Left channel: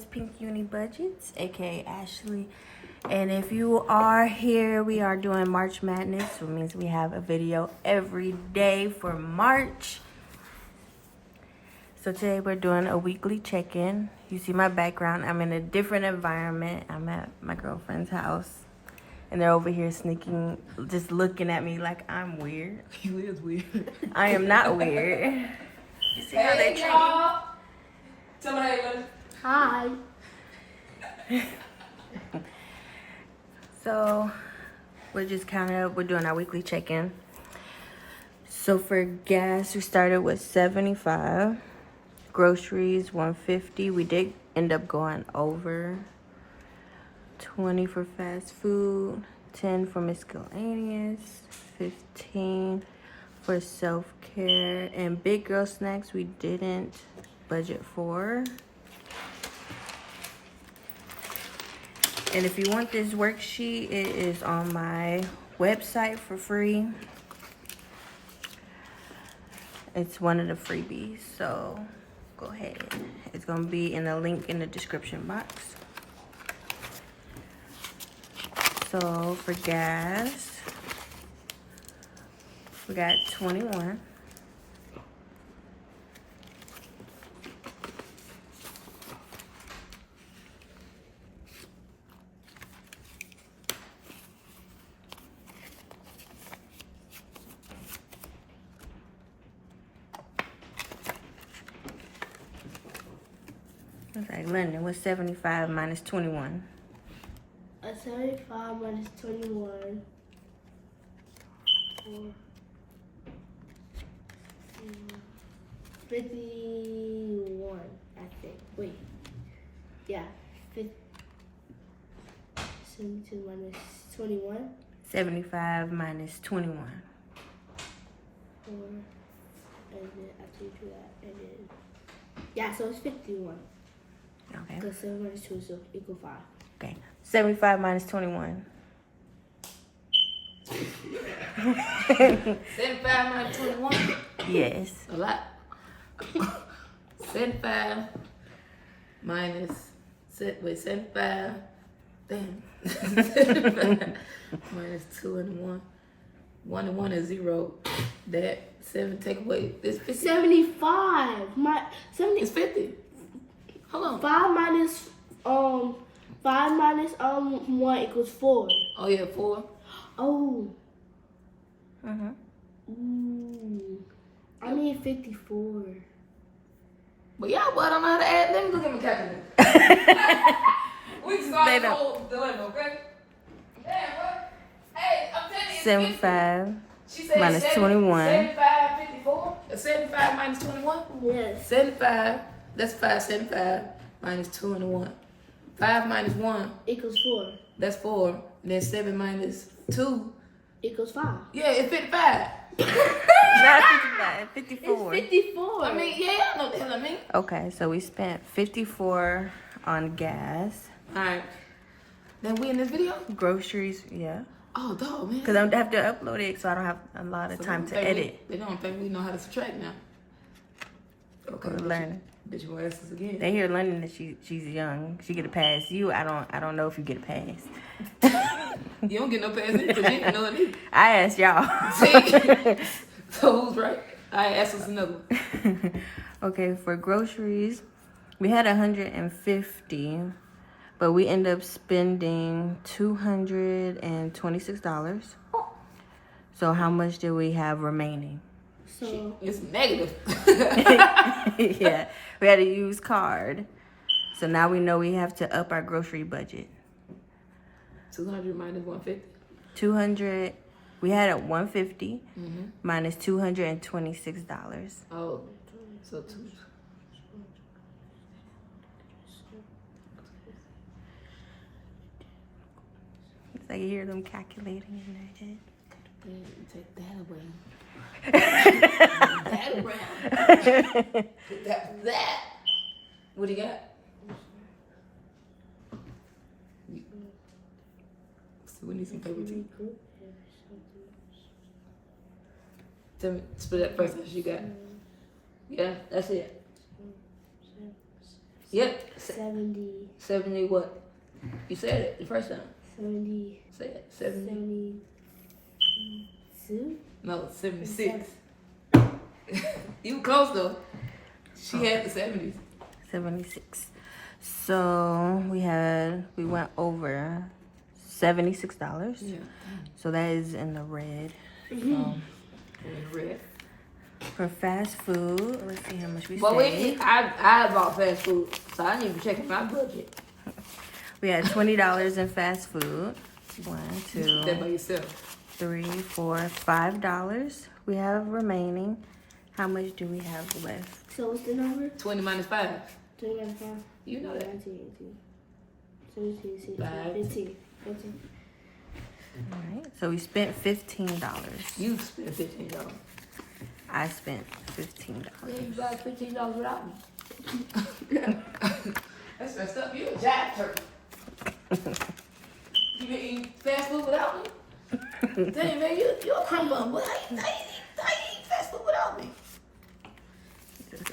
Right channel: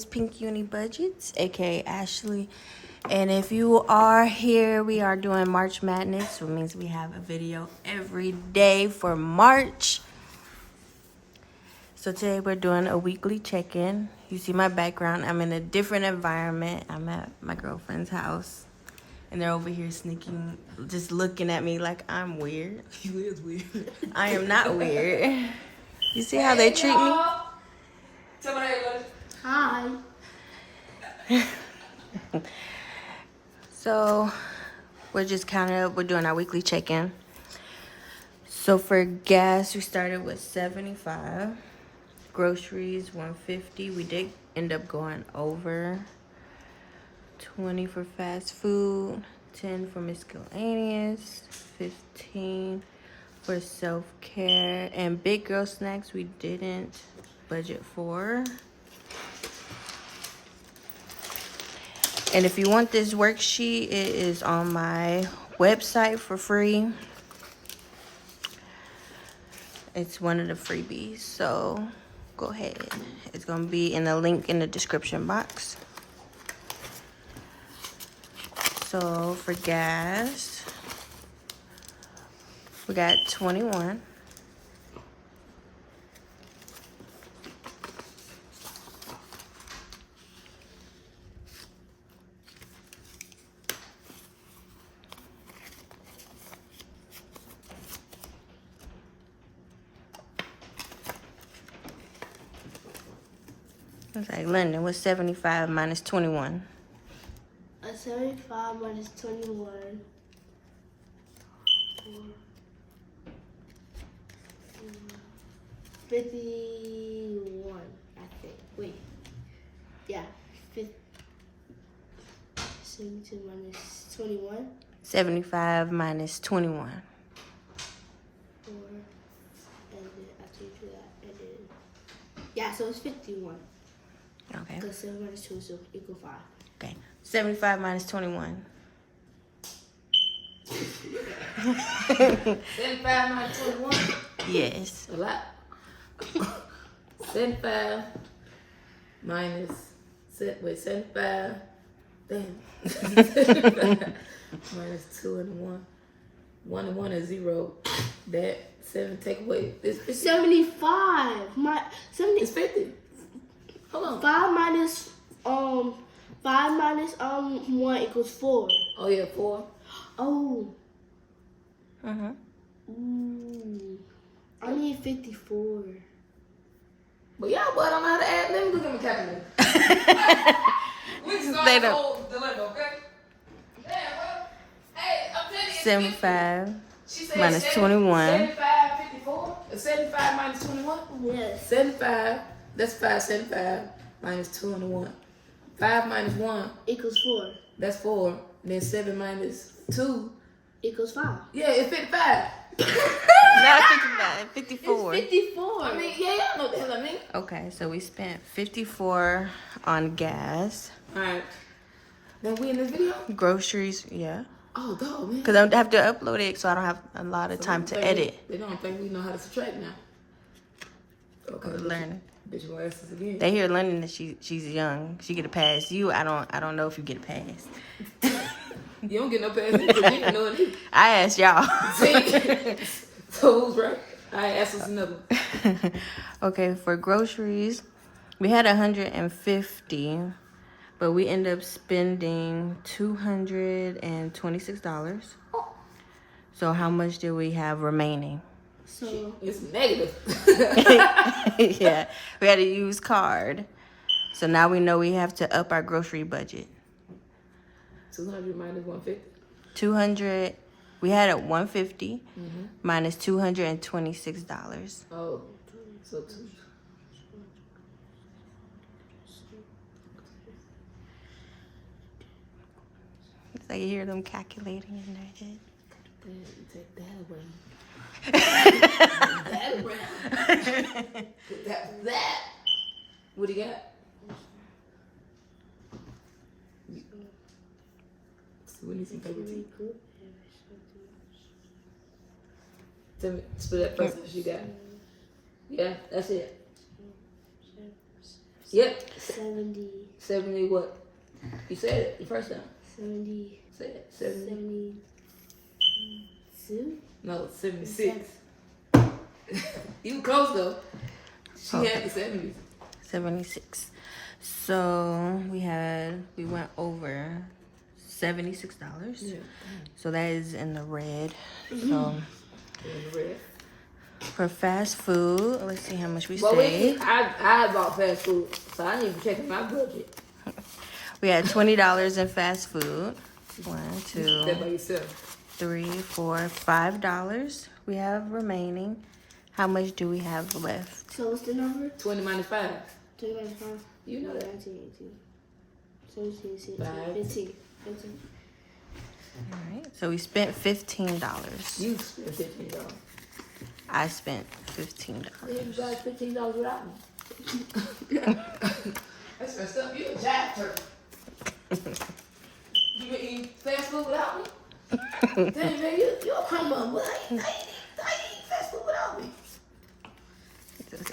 is Pink-UniBudgetz, aka Ashley. And if you are here, we are doing March Madness, which means we have a video every day for March. So today we're doing a weekly check-in. You see my background. I'm in a different environment. I'm at my girlfriend's house. And they're over here sneaking, just looking at me like I'm weird. You is weird. I am not weird. You see how they treat me? Tell me that. Hi. So we're just counting up. We're doing our weekly check-in. So for gas, we started with 75. Groceries, 150. We did end up going over. 20 for fast food. 10 for miscellaneous. 15 for self-care. And big girl snacks we didn't budget for. And if you want this worksheet, it is on my website for free. It's one of the freebies, so go ahead. It's gonna be in the link in the description box. So for gas, we got 21. It's like, Linda, what's 75 minus 21? 75 minus 21. 51, I think. Wait. Yeah. 72 minus 21. 75 minus 21. 4. And then after you do that, and then. Yeah, so it's 51. Okay. Because 7 minus 2 is equal 5. Okay. 75 minus 21. 75 minus 21. Yes. A lot. 75 minus 75. Damn. 75 minus 2 and 1. 1 and 1 is 0. That 7 take away. It's 50. 75. It's 50. Hold on. 5 minus 1 equals 4. Oh yeah, 4. Oh. Uh-huh. Ooh. I need 54. But yeah, but I don't know how to add. Let me go get my calculator. We can start They the don't. whole dilemma, okay? Damn, bro. Hey, I'm telling you. 75 She said minus 70, 21. 75, 54. 75 minus 21? Yes. 75. That's 5, 75 minus 2 and 1. 5 minus 1, Equals 4. that's 4. Then 7 minus 2. Equals 5. Yeah, it's 55. Not 55, 54. It's 54. I mean, yeah, y'all know what the hell I mean. Okay, so we spent 54 on gas. Alright. Then we in this video? Groceries, yeah. Oh, dog, man. Because I have to upload it, so I don't have a lot of time to edit. They don't think we know how to subtract now. We're learning. Bitch, you gonna ask us again. They hear London that she's young. She get a pass. You, I don't know if you get a pass. You don't get no pass either. You didn't know it. I asked y'all. So who's right? I asked us another. Okay, for groceries, we had 150, but we ended up spending $226. So how much do we have remaining? So It's negative. Yeah, we had to use card. So now we know we have to up our grocery budget. 200 minus 150. 200, we had at 150 minus $226. Oh, so 2. It's like you hear them calculating in their head. Take that. What do you got? We need some paper too. Tell me, split that first. You got. Yeah, that's it. Yep. 70 what? You said it the first time. 70 Say it. 70. 72. No, 76. You were close though. She had the 70s. 76. So we went over $76. Yeah. So that is in the red. So Red. for fast food, let's see how much we Well, saved. I bought fast food, so I need to check my budget. We had $20 in fast food. 1, 2, That by yourself. 3, 4, $5 we have remaining. How much do we have left? So what's the number? 20 minus 5. 20 minus 5. You know that. 19, 18, 17, 16, Five. 15. 15. All right, so we spent $15. You spent $15. I spent $15. Yeah, you got $15 without me. That's messed up. You a jack turkey. You been eating fast food without me? Dang, man, you a criminal, but I ain't eating fast food without me.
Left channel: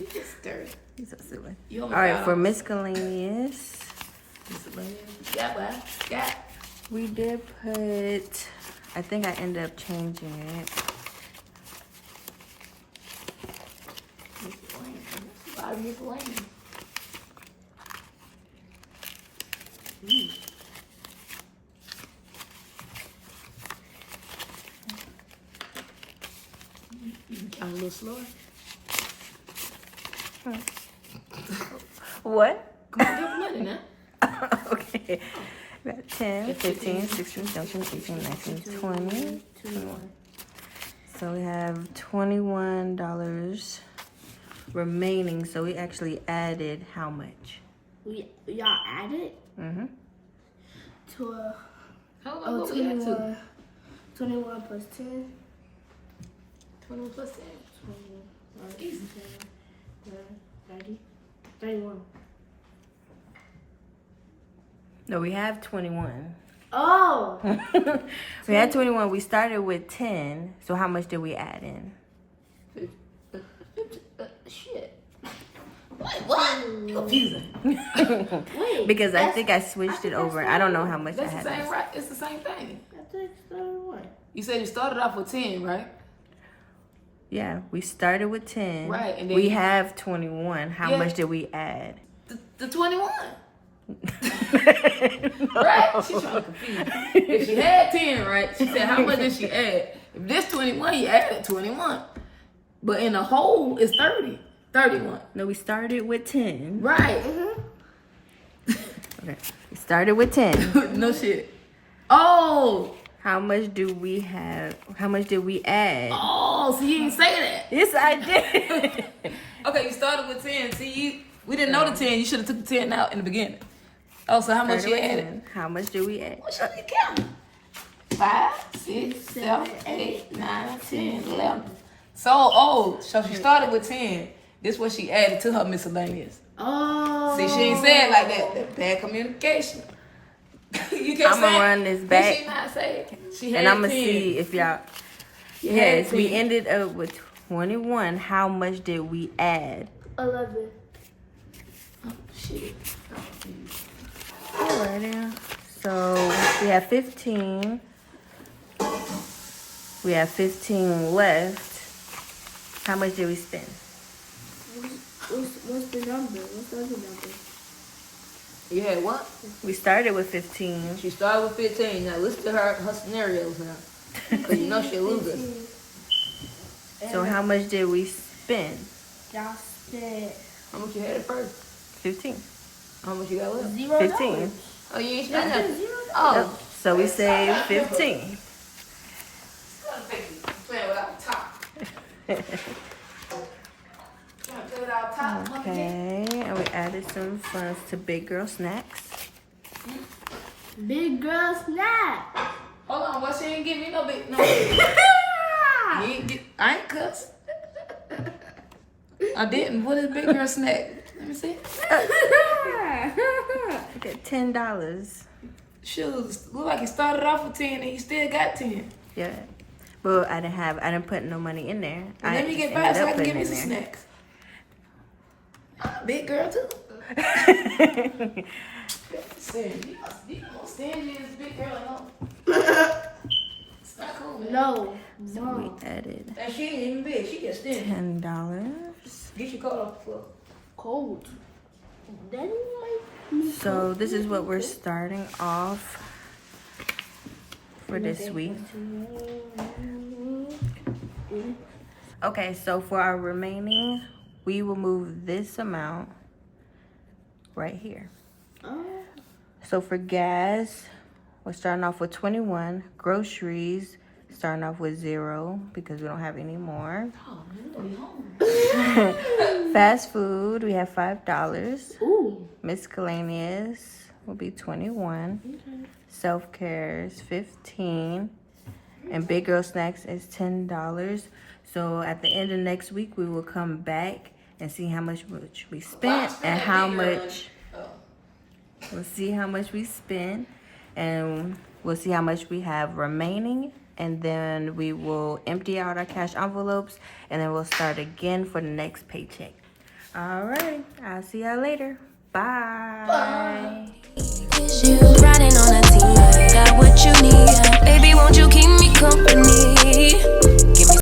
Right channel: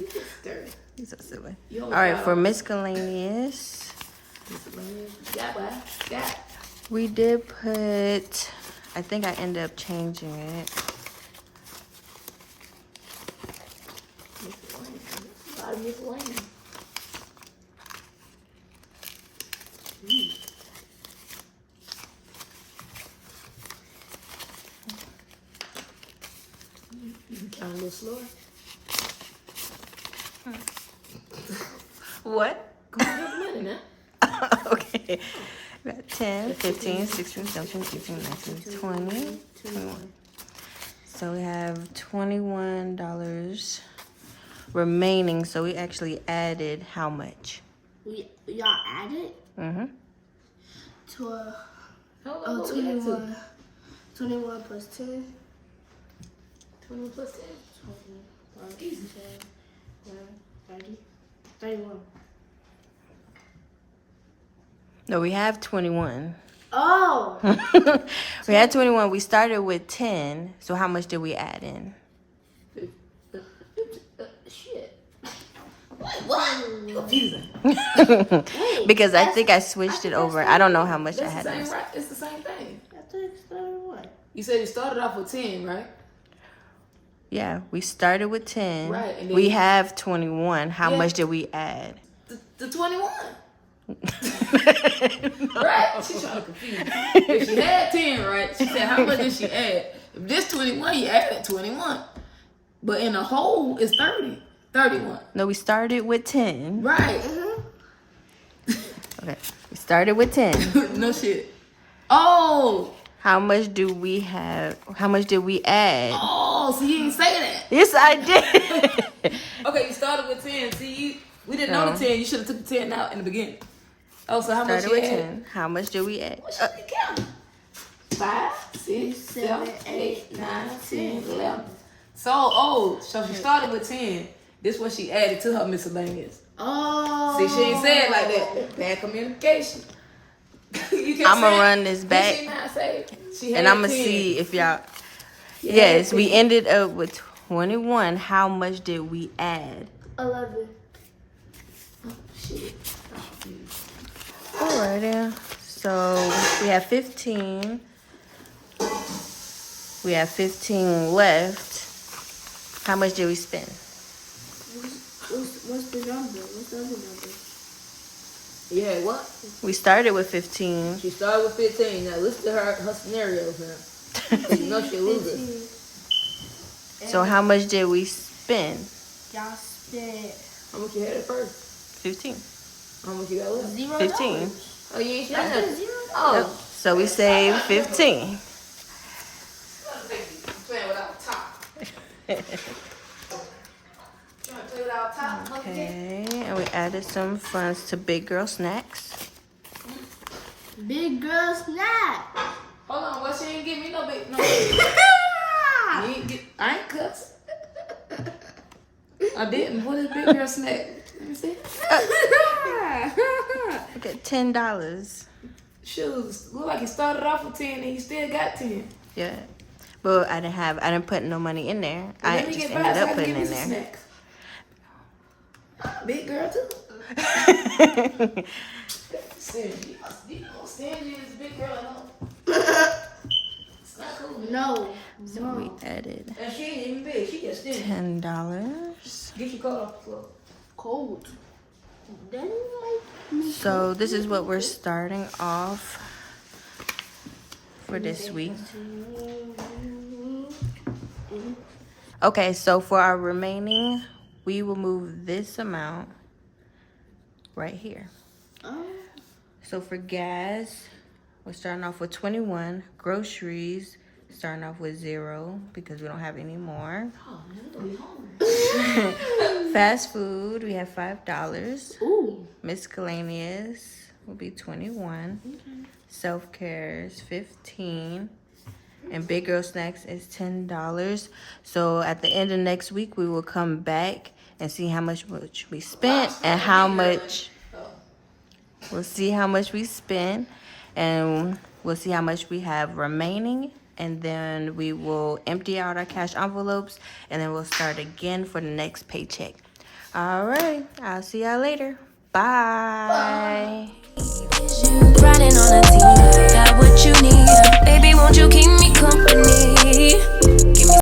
You just dirty. He's so silly. You All right, for miscellaneous, Yeah. we did put, I think I ended up changing it. Miscellaneous. You kind of a little slow. What? Come on, give a minute now. Okay. We got 10, 15, 16, 17, 18, 19, 20, 21. So we have $21 remaining. So we actually added how much? Y'all added? Mm-hmm. Oh, 21. 21 plus 10. 21 plus 10. 21 plus 10. 30. 31. No, we have 21. Oh! We had 21. We started with 10. So how much did we add in? Shit. What? Confusing. Wait. Because I think I switched it over. I don't know how much I That's had. the in same, this. right? It's the same thing. I think it's 31. You said you started off with 10, right? Yeah, we started with 10. Right, and then we you- have 21. How Yeah. much did we add? The 21. Right? She's trying to confuse me. If she had 10, right? She said, how much did she add? If this 21, you added 21. But in the whole, it's 30. 31. No, we started with 10. Right. Okay. We started with 10. No shit. Oh. How much do we have? How much did we add? Oh, so you didn't say that. Yes, I did. Okay, you started with 10. See, we didn't know the 10. You should have took the 10 out in the beginning. Oh, so how much Started you with add? 10. How much did we add? What should we count? 5, 6, 7, 8, 9, 10, 11. So she started with 10. This is what she added to her miscellaneous. Oh. See, she ain't saying like that. Bad communication. I'm going to run this back. She not say she had And I'm going to 10. see if y'all... She Yes, had we 10. ended up with 21. How much did we add? 11. Shit. Alrighty. So we have 15. We have 15 left. How much did we spend? What's the number? What's the other number? You had what? We started with 15. She started with 15. Now listen to her scenarios now. You know she losing. So how much did we spend? Y'all spent How much you had at first? 15. How much you got left? $0. 15. Oh, you ain't Y'all spent spent nothing. $0. Oh. Yep. So we saved 15. Playing without top. Okay, and we added some funds to Big Girl Snacks. Big girl snack. Hold on, what she ain't give me no big no. I ain't cuss. I didn't. What is big girl snack? Let me see. Look at $10. Shoes. Look like you started off with 10 and you still got 10. Yeah. But I didn't put no money in there. I Let me just get ended back so I up can putting give me in some there. snacks. Big girl too. Sandy, you know, Sandy is a big girl. It's not cool, man. No. So we added And she ain't even big. She just thin. $10. Get your car off. Cold. Then like. So this is what we're starting off for this week. Okay, so for our remaining, we will move this amount right here. So for gas, we're starting off with 21. Groceries, starting off with 0 because we don't have any more. Fast food, we have $5. Ooh. Miscellaneous will be 21. Self-care is 15. And big girl snacks is $10. So at the end of next week, we will come back and see how much we spent and how much. We'll see how much we spent, and we'll see how much we have remaining, and then we will empty out our cash envelopes, and then we'll start again for the next paycheck. All right, I'll see y'all later. Bye. Riding on a team, got what you need. Baby, won't you keep me company?